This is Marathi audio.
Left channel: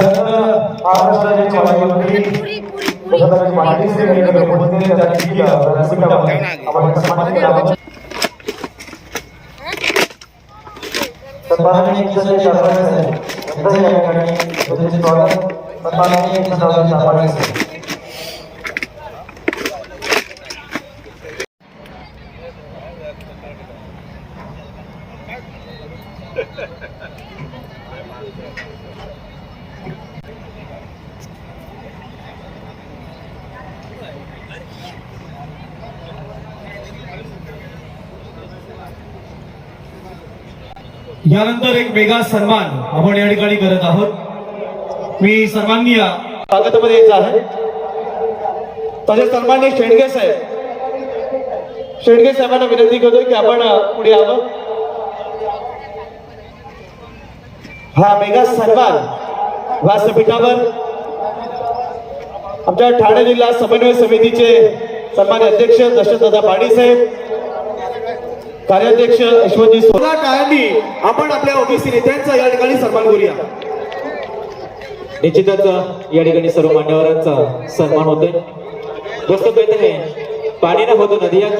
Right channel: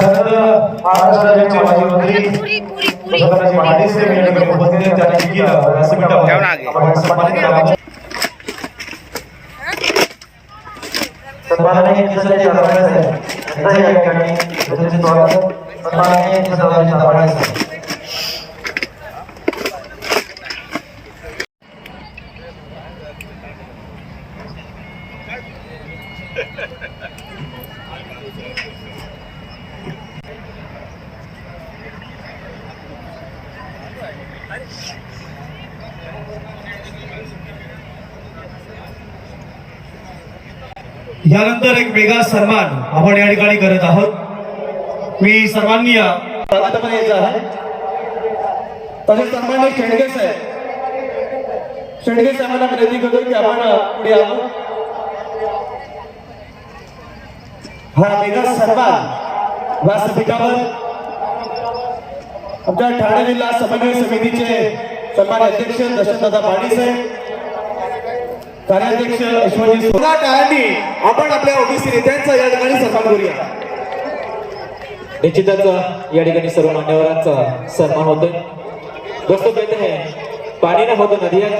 त्यानंतर महाराष्ट्र राज्याचे माजी मंत्री सन्माननीय केसरजी दाभाडे साहेब यांचं या ठिकाणी यथोचित स्वागत. सन्माननीय केसरजी दाभाडे साहेब. यानंतर एक वेगळा सन्मान आपण या ठिकाणी करत आहोत. मी सर्वांनी स्वागतामध्ये यायचं आहे. तसे सन्माननीय शेंडगे साहेबांना विनंती करतोय की आपण पुढे यावं. हा वेगळा सन्मान व्यासपीठावर आमच्या ठाणे जिल्हा समन्वय समितीचे सन्मान्य अध्यक्ष दशरथदादा पाटील साहेब, कार्याध्यक्ष यशवंतजी सोला टाळ्यांनी आपण आपल्या ओबीसी नेत्यांचा या ठिकाणी सन्मान करूया. निश्चितच या ठिकाणी सर्व मान्यवरांचा सन्मान होतोय. दोस्तों कहते हैं पानी ना हो तो नदियां